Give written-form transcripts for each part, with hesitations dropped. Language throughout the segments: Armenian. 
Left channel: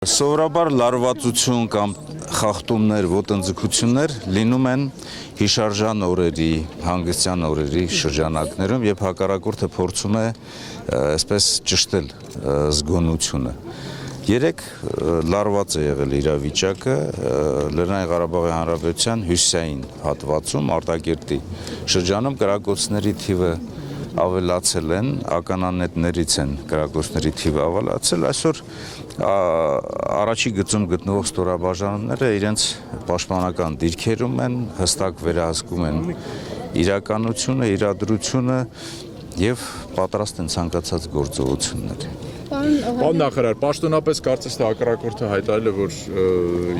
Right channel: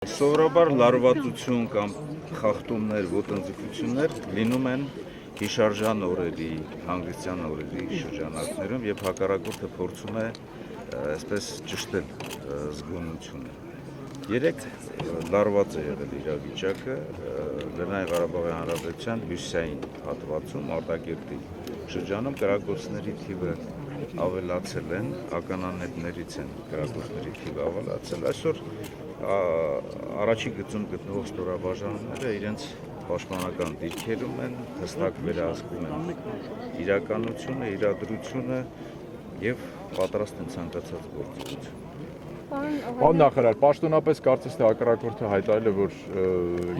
Սովորաբար լարվածություն կամ խախտումներ, ոտնձգություններ լինում են հիշարժան օրերի, հանգստյան օրերի շրջանակներում եւ հակառակորդը փորձում է այսպես ճշտել զգոնությունը։ Երեք լարված է եղել իրավիճակը Լեռնային Ղարաբաղի Հանրապետության հյուսիսային հատվածում Արտակերտի շրջանում կրակոցների թիվը ավելացել են, ականանետներից են կրակոցների թիվը ավելացել, այսօր առաջի գծում գտնվող ստորաբաժանումները իրենց պաշտպանական դիրքերում են, հստակ վերահսկում են իրականությունը, իրադրությունը եւ պատրաստ են ցանկացած գործողությունների։ Պարոն նախարար, պաշտոնապես կարծես թե հակառակորդը հայտարարել է, որ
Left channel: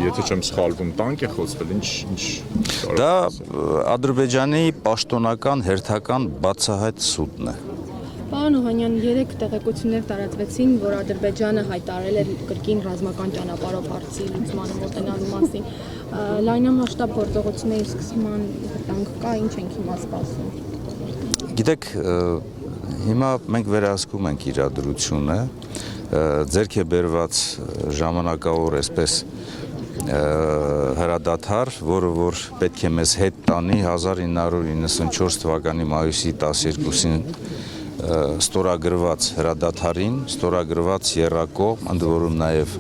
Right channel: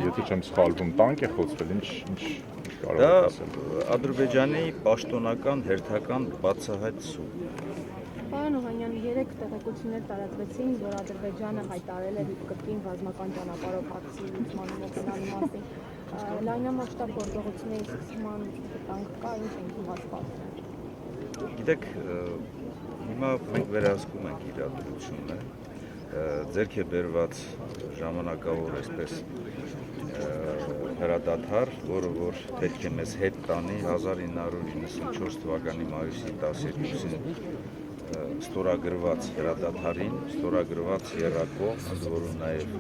եթե չեմ սխալվում, տանկ է խոցվել, ինչ Դա Ադրբեջանի պաշտոնական հերթական բացահայտ սուտն է։ Պարոն Օհանյան, 3 տեղեկություններ տարածվեցին, որ Ադրբեջանը հայտարարել է կրկին ռազմական ճանապարհով հարցի լուծմանը մոտենալու մասին։ Լայնամասշտաբ գործողությունների սկսման վտանգ կա, ինչ ենք հիմա սպասում։ Գիտեք, հիմա մենք վերահսկում ենք իրադրությունը, ձեռք է բերված ժամանակավոր այսպես հրադադար, որը որ պետք է մեզ հետ տանի 1994 թվականի մայիսի 12-ին ստորագրված հրադադարին, ստորագրված եռակողմ, ընդ որում նաև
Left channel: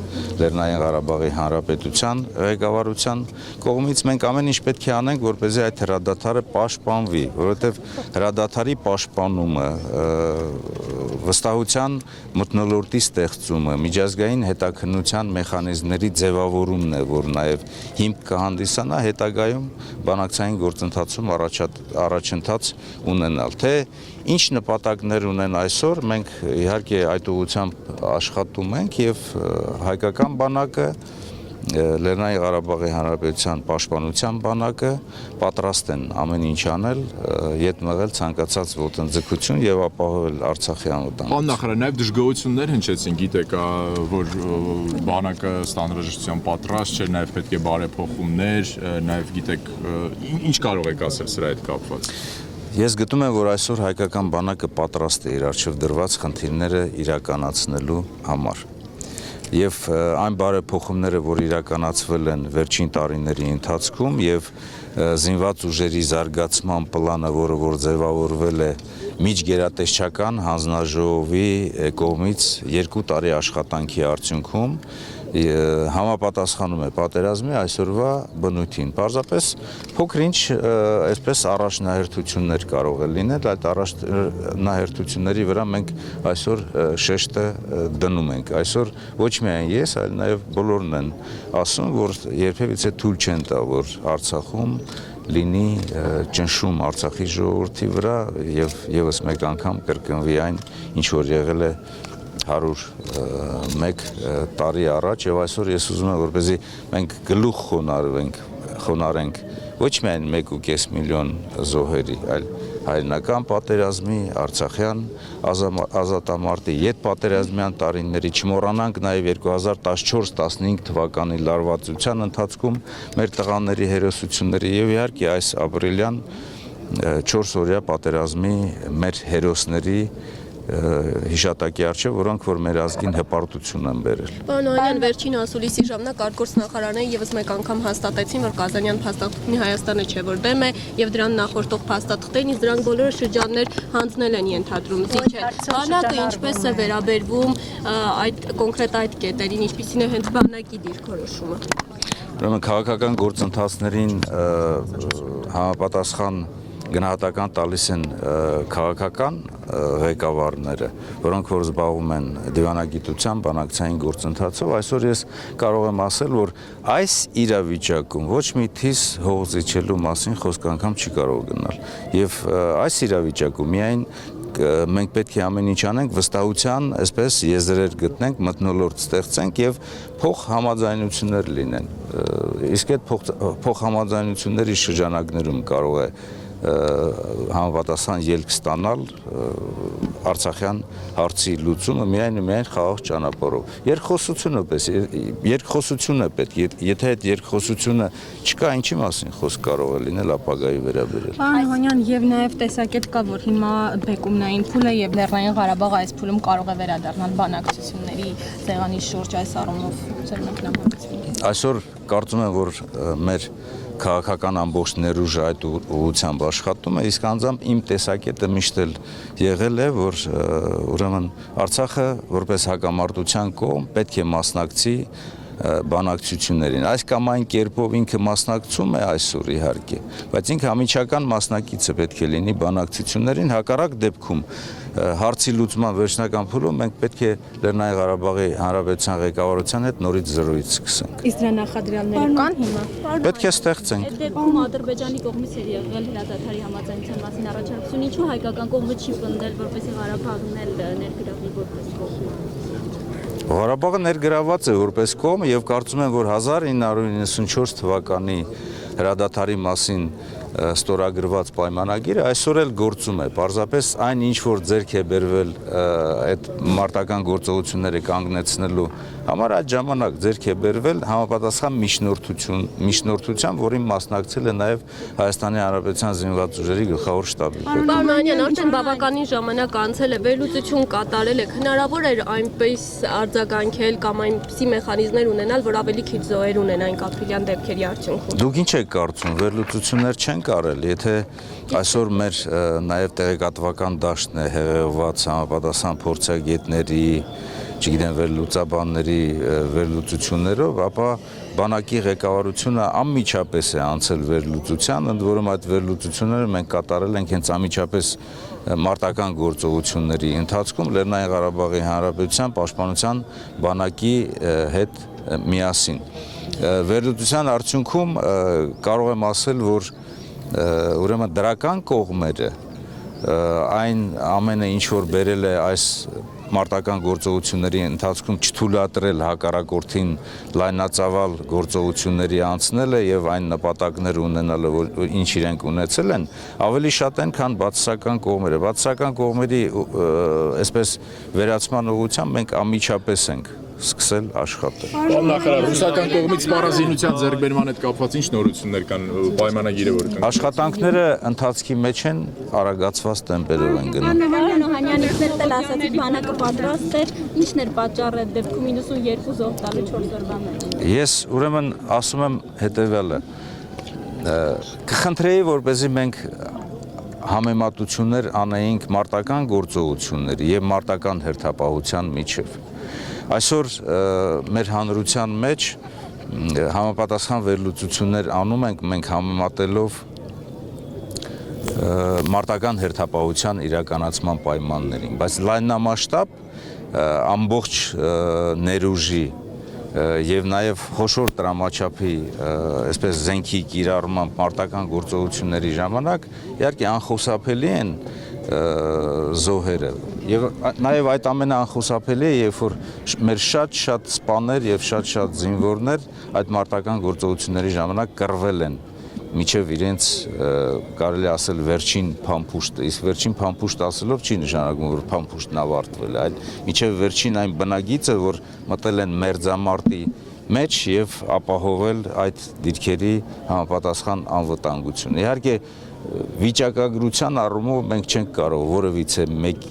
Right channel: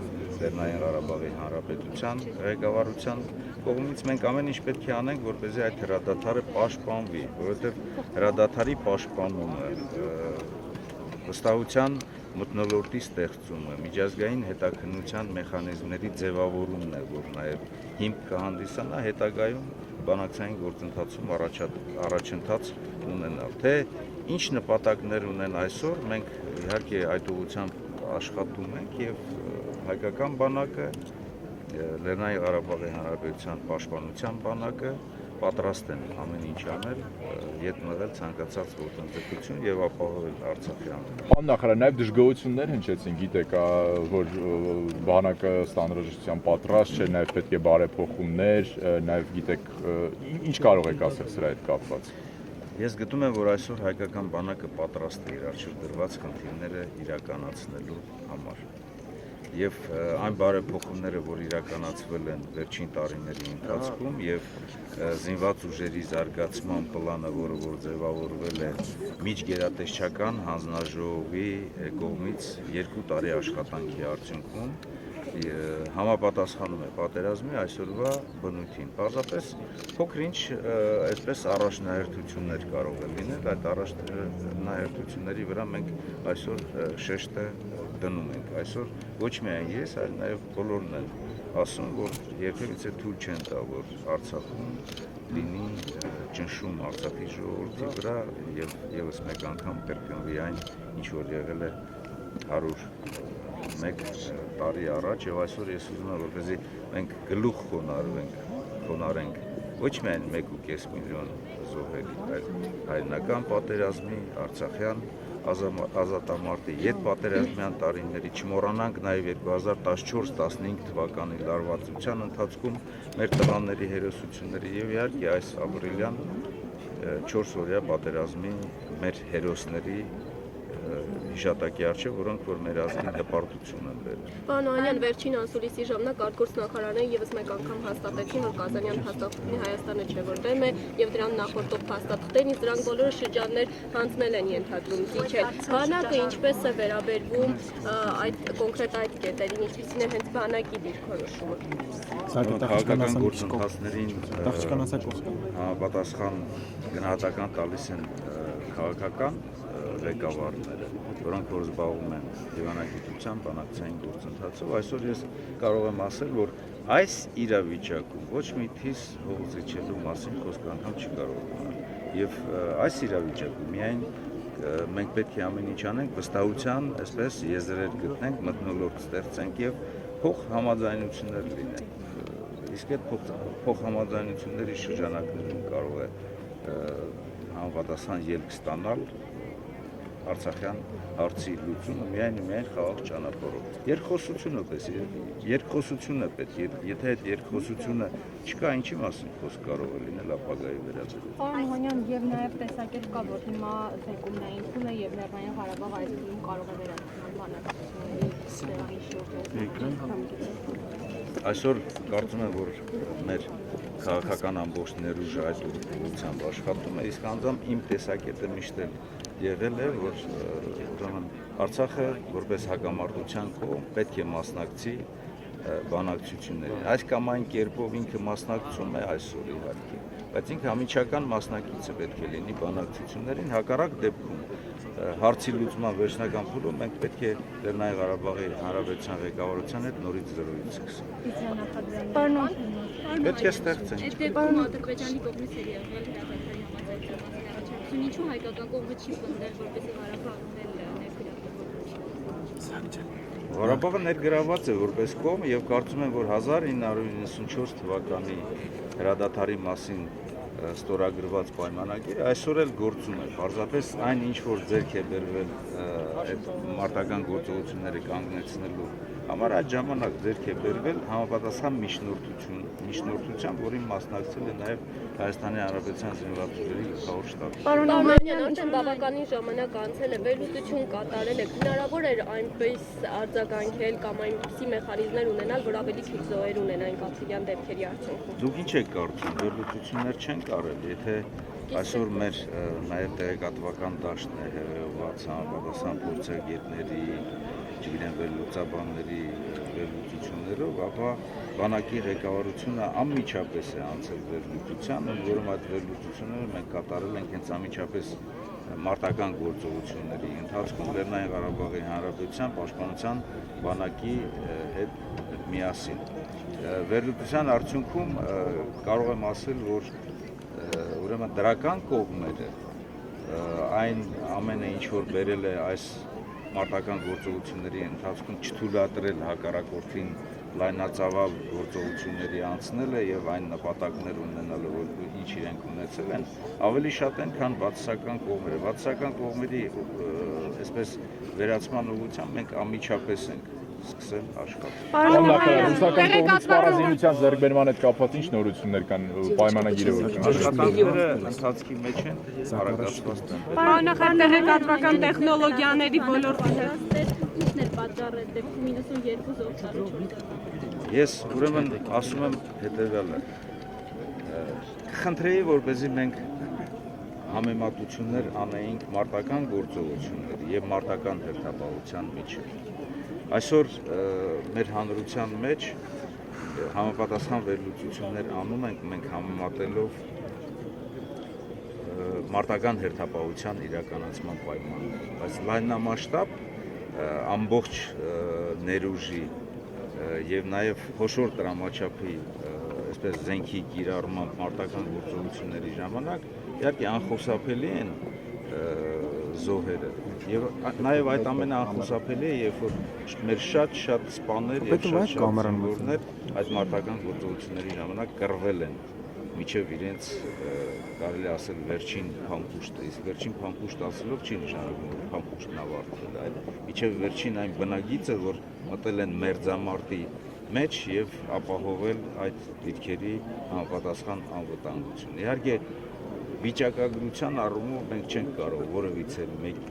Լեռնային Ղարաբաղի Հանրապետության ղեկավարության կողմից մենք ամեն ինչ պետք է անենք, որպեսզի այդ հրադադարը պաշտպանվի, որովհետև հրադադարի պաշտպանումը, վստահության մթնոլորտի ստեղծումը, միջազգային հետաքննության մեխանիզմների ձևավորումն է, որ նաև հիմք կհանդիսանա հետագայում բանակցային գործընթացում առաջընթաց ունենալ, թե ինչ նպատակներ ունեն այսօր, մենք իհարկե այդ ուղղությամբ աշխատում ենք եւ հայկական բանակը, Լեռնային Ղարաբաղի Հանրապետության պաշտպանության բանակը պատրաստ են ամեն ինչ անել, յետ մղել ցանկացած ոտնձգություն եւ ապահովել Արցախի անվտանգությունը։ Պարոն նախարար, նաեւ դժգոհություններ հնչեցին, գիտեք, որ բանակը ստանրաժշտության պատրաստ չէ, նաեւ պետք է բարեփոխումներ, նաեւ գիտեք, ինչ կարող եք ասել սրա հետ կապված։ Ես գտնում եմ, որ այսօր հայկական բանակը պատրաստ է իր առջև դրված խնդիրները իրականացնելու համար։ Եվ այն բարեփոխումները, որ իրականացվել են վերջին տարիների ընթացքում եւ զինված ուժերի զարգացման պլանը, որը որ ձևավորվել է միջգերատեսչական հանձնաժողովի կողմից 2 տարի աշխատանքի արդյունքում, համապատասխանում է պատերազմի այսօրվա բնույթին։ Պարզապես փոքր-ինչ այսպես առաջնահերթություններ կարող է լինել, այդ առաջնահերթությունների վրա մենք այսօր շեշտը դնում ենք։ Այսօր ոչ միայն ես, այլ նաև բոլորն են ասում, որ երբևիցե թույլ չեն տա, որ Արցախում լինի ճնշում Արցախի ժողովրդի վրա եւ եւս մեկ անգամ կրկնվի այն, ինչ որ եղել է 101 տարի առաջ եւ այսօր ես ուզում եմ որպեսզի մենք գլուխ խոնարհենք ոչ միայն 1.5 միլիոն զոհերի, այլ հայրենական պատերազմի, արցախյան ազատամարտի, յետպատերազմյան տարիների, չմոռանանք նաեւ 2014-15 թվականի լարվածության ընթացքում մեր տղաների հերոսությունների եւ իհարկե այս ապրիլյան 4-օրյա պատերազմի մեր հերոսների հիշատակի առջև, որոնք որ մեր ազգին հպարտություն են բերել։ Պարոն Օհանյան, վերջին ասուլիսի ժամանակ արտգործնախարարները եւս մեկ անգամ հաստատեցին, որ Կազանյան փաստաթղթին Հայաստանը չէ, որ դեմ է եւ դրան նախորդող փաստաթղթերին, իսկ դրանք բոլորը շրջաններ հանձնել են ենթադրում զիջել։ Բանակը ինչպես է վերաբերվում այդ կոնկրետ այդ կետերին, ինչպիսին է հենց բանակի դիրքորոշումը։ Ուրեմն քաղաքական գործընթացներին համապատասխան գնահատական տալիս են քաղաքական ղեկավարները, որոնք որ զբաղվում են դիվանագիտության բանակցային գործընթացով, այսօր ես կարող եմ ասել, որ այս իրավիճակում ոչ մի թիս հող զիջելու մասին խոսք անգամ չի կարող գնալ։ Եվ այս իրավիճակում միայն մենք պետք է ամեն ինչ անենք, վստահության, այսպես եզրեր գտնենք, մթնոլորտ ստեղծենք եւ փոխհամաձայնություններ լինեն։ Իսկ այդ փոխհամաձայնությունների շրջանակներում կարող է համապատասխան ելք ստանալ Արցախյան հարցի լուծումը միայն խաղաղ ճանապարհով։ Երկխոսություն է պետք, եթե այդ երկխոսությունը չկա, ինչի մասին խոսք կարող է լինել ապագայի վերաբերյալ։ Պարոն Հովհանյան, եւ նաեւ տեսակետ կա, որ հիմա բեկումնային փուլը եւ Լեռնային Ղարաբաղը այս փուլում կարող է վերադառնալ բանակցությունների ցեղանի շուրջ այս առումով ձեր մեկնաբանությունը։ Այսօր կարծում եմ, որ մեր քաղաքական ամբողջ ներուժը այդ ուղղությամբ աշխատում է, իսկ անձամբ իմ տեսակետը միշտ էլ եղել է, որ ուրեմն Արցախը որպես հակամարտության կողմ պետք է մասնակցի բանակցություններին։ Այս կամ այն կերպով ինքը մասնակցում է այսօր իհարկե, բայց ինքը ամիջական մասնակիցը պետք է լինի բանակցություններին, հակառակ դեպքում հարցի լուծման վերջնական փուլում մենք պետք է Լեռնային Ղարաբաղի Հանրապետության ղեկավարության հետ նորից զրույց սկսենք։ Իսկ դրա նախադրյալները կան հիմա։ Պետք է ստեղծենք։ Դեպքում Ադրբեջանի կողմից է եղել հրադադարի համաձայնության մասին առաջարկություն, ինչու հայկական կողմը չի պնդել, որպեսզի Ղարաբաղն էլ ներգրավվի որպես կողմ։ Ղարաբաղը ներգրաված է որպես կողմ եւ կարծում եմ, որ 1994 թվականի հրադադարի մասին ստորագրված պայմանագիրը այսօր էլ գործում է։ Պարզապես այն ինչ որ ձեռք է բերվել այդ մարտական գործողությունները կանգնեցնելու համար այդ ժամանակ ձեռք է բերվել համապատասխան միջնորդությամբ, որին մասնակցել է նաեւ Հայաստանի Հանրապետության զինված ուժերի գլխավոր շտաբի։ Պարոն Մանյան, արդեն բավականին ժամանակ անցել է, վերլուծություն կատարել եք, հնարավոր էր այնպես արձագանքել կամ այնպիսի մեխանիզմներ ունենալ, որ ավելի քիչ զոհեր ունենային կապիտալյան դեպքերի արդյունքում։ Դուք ինչ եք կարծում, վերլուծություններ չեն կարել, եթե այսօր մեր նաև տեղեկատվական դաշտն է հեղեղված համապատասխան փորձագետների, չգիտեմ, վերլուծաբանների վերլուծություններով, ապա բանակի ղեկավարությունը անմիջապես է անցել վերլուծության, ընդ որում այդ վերլուծությունները մենք կատարել ենք հենց անմիջապես մարտական գործողությունների ընթացքում Լեռնային Ղարաբաղի Հանրապետության պաշտպանության բանակի հետ միասին։ Վերլուծության արդյունքում կարող եմ ասել, որ ուրեմն դրական կողմերը այն ամենը ինչ որ բերել է այս մարտական գործողությունների ընթացքում չթույլատրել հակառակորդին լայնածավալ գործողությունների անցնելը եւ այն նպատակները ունենալը, որ ինչ իրենք ունեցել են, ավելի շատ են, քան բացասական կողմերը։ Բացասական կողմերի այսպես վերացման ուղղությամբ մենք անմիջապես ենք սկսել աշխատել։ Պարոն նախարար, ռուսական կողմից սպառազինության ձեռքբերման հետ կապված ինչ նորություններ կան պայմանագիրը որ կնքվի։ Աշխատանքները ընթացքի մեջ են, արագացված տեմպերով են գնում։ Բանակը պատրաստ է, ինչն էր պատճառը դեպքում 92 զոհ տալու 4 օրվա մեջ։ Ես ուրեմն ասում եմ հետևյալը. կխնդրեի, որպեսզի մենք համեմատություններ անեինք մարտական գործողությունների եւ մարտական հերթապահության միջև։ Այսօր մեր հանրության մեջ համապատասխան վերլուծություններ անում ենք մենք համեմատելով մարտական հերթապահության իրականացման պայմաններին, բայց լայնամասշտաբ ամբողջ ներուժի եւ նաեւ խոշոր տրամաչափի այսպես զենքի կիրառման մարտական գործողությունների ժամանակ իհարկե անխուսափելի են զոհերը եւ նաեւ այդ ամենը անխուսափելի է, երբ որ մեր շատ սպաներ եւ շատ զինվորներ այդ մարտական գործողությունների ժամանակ կռվել են միջև իրենց կարելի ասել վերջին փամփուշտը, իսկ վերջին փամփուշտ ասելով չի նշանակում, որ փամփուշտն ավարտվել է, այլ միջև վերջին այն բնագիծը, որ մտել են մերձամարտի մեջ եւ ապահովել այդ դիրքերի համապատասխան անվտանգությունը։ Իհարկե վիճակագրության առումով մենք չենք կարող որևիցե մեկ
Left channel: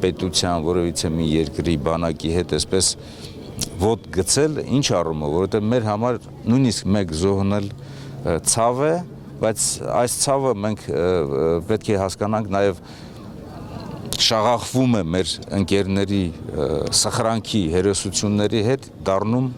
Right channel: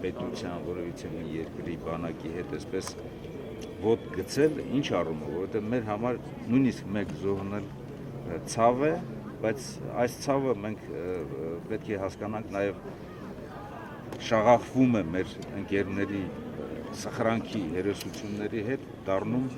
պետության, որևիցե մի երկրի բանակի հետ այսպես ոտ գցել, ինչ առումով, որովհետեւ մեր համար նույնիսկ մեկ զոհն էլ ցավ է, բայց այս ցավը մենք պետք է հասկանանք նաև շաղախվում է մեր ընկերների սխրանքի հերոսությունների հետ դառնում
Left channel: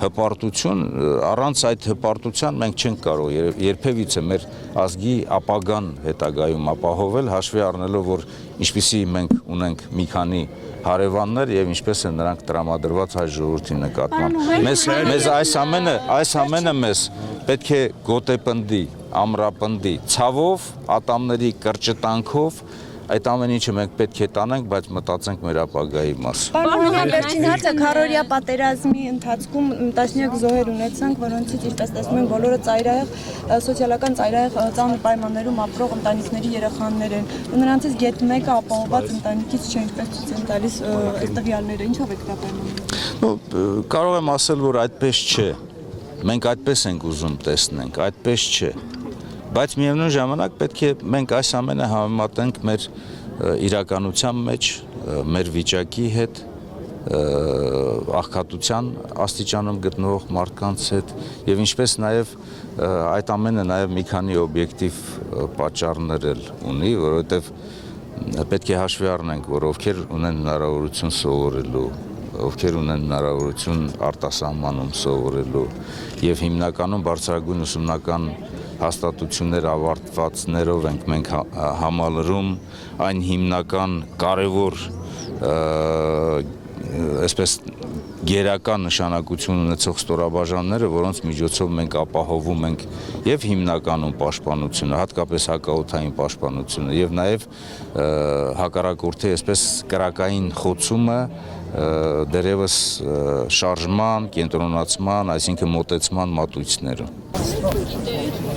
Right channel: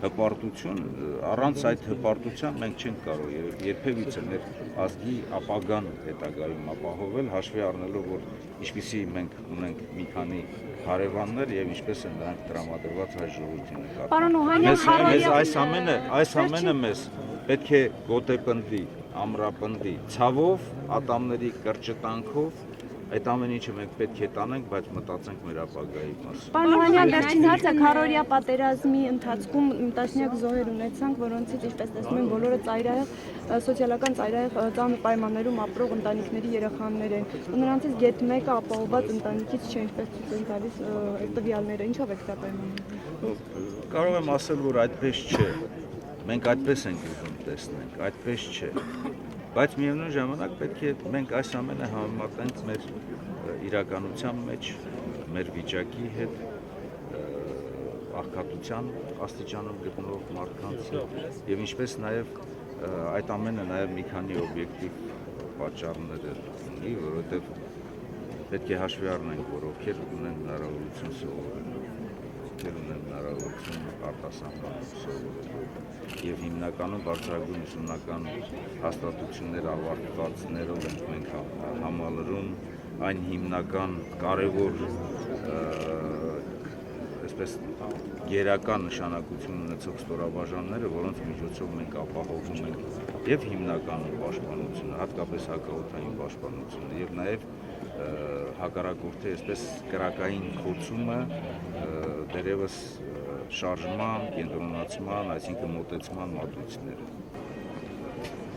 հպարտություն, առանց այդ հպարտության մենք չենք կարող երբևիցե մեր ազգի ապագան հետագայում ապահովել, հաշվի առնելով, որ ինչպիսի մենք ունենք մի քանի հարևաններ եւ ինչպես են նրանք տրամադրված հայ ժողովրդի նկատմամբ։ Մեզ այս ամենը մեզ պետք է գոտեպնդի, ամրապնդի, ցավով, ատամների կրճտանքով, այդ ամեն ինչը մենք պետք է տանենք, բայց մտածենք մեր ապագայի մասին։ Պարոն Օհանյան, վերջին հարցը քառօրյա պատերազմի ընթացքում տասնյակ զոհեր ունեցանք, որոնցից ինչպես տեսնում ենք բոլորը ծայրահեղ սոցիալական ծայրահեղ ծանր պայմաններում ապրող ընտանիքների երեխաներ են։ Ու նրանցից գեթ մեկը ապահովված ընտանիքից չէ, ինչպես ցույց են տալիս այս տվյալները, ինչով եք դա պայմանավորում։ Կարող եմ ասել, որ այդպես չէ։ Մենք այդպես ենք ուզում տեսնենք, այդպես չէ։ Բայց միևնույն ժամանակ պետք է մենք այս ամենը համեմատենք մեր իրականության մեջ, մեր վիճակի հետ, աղքատության աստիճանում գտնվող մարդկանց հետ եւ ինչպես նաեւ այդ ամենը նաեւ մի քանի օբյեկտիվ պատճառներ էլ ունի, որովհետեւ պետք է հաշվի առնենք, որ ովքեր ունեն հնարավորություն սովորելու, ովքեր ունեն հնարավորություն արտասահմանում սովորելու եւ հիմնականում բարձրագույն ուսումնական հաստատություններ ավարտվածներով ենք մենք համալրում այն հիմնական կարևոր այսպես գերական նշանակություն ունեցող ստորաբաժանները, որոնց միջոցով մենք ապահովում ենք եւ հիմնականում պաշտպանությունը, հատկապես հակաօդային պաշտպանությունը եւ նաեւ հակառակորդի այսպես կրակային խոցումը դերևս շարժման, կենտրոնացման, այսինքն մոտեցման մատույցներում։